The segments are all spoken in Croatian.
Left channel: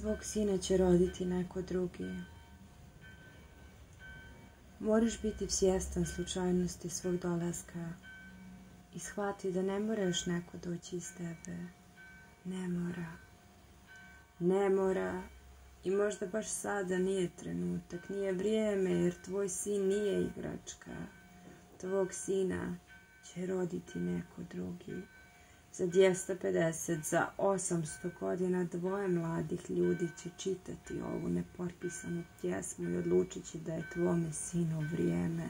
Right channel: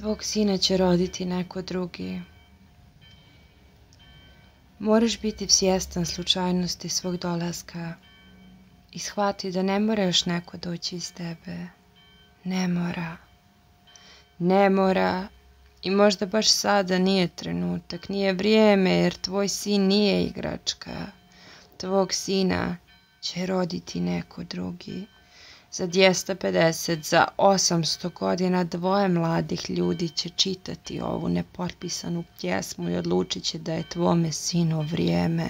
Tvog sina će roditi neko drugi. Moraš biti svjestan slučajnosti svog dolaska i shvati da ne mora još neko doći iz tebe. Ne mora. Ne mora. I možda baš sada nije trenutak, nije vrijeme, jer tvoj sin nije igračka. Tvog sina će roditi neko drugi. Za 250, za 800 godina dvoje mladih ljudi će čitati ovu nepotpisanu pjesmu i odlučit će da je tvome sinu vrijeme.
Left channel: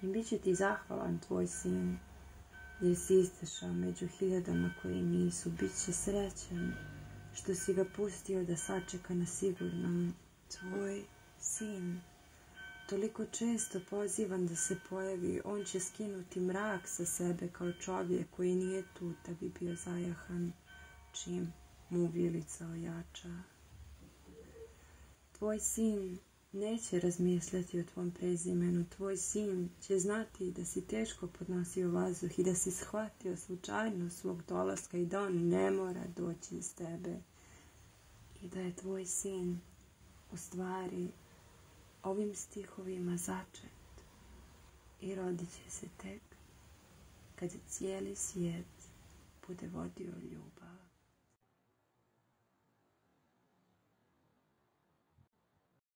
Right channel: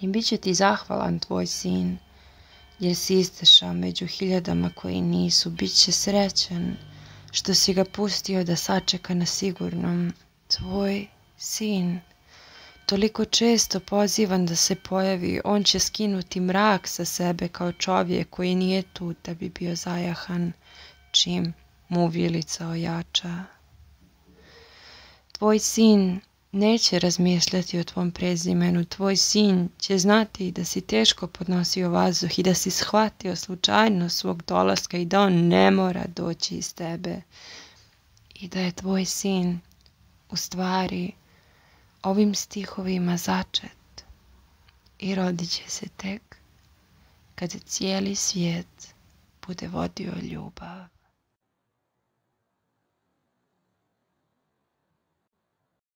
I bit će ti zahvalan tvoj sin, jer si izdešao među hiljadama koji nisu. Bit će srećan što si ga pustio da sačeka na sigurnom. Tvoj sin, toliko često pozivan da se pojavi, on će skinuti mrak sa sebe kao čovjek koji nije tu da bi bio zajahan čim mu vilica ojača. Tvoj sin neće razmišljati o tvom prezimenu. Tvoj sin će znati da si teško podnosio vazduh i da si shvatio slučajnost svog dolaska i da on ne mora doći iz tebe. I da je tvoj sin u stvari ovim stihovima začet i rodit će se tek kad cijeli svijet bude vodio ljubav.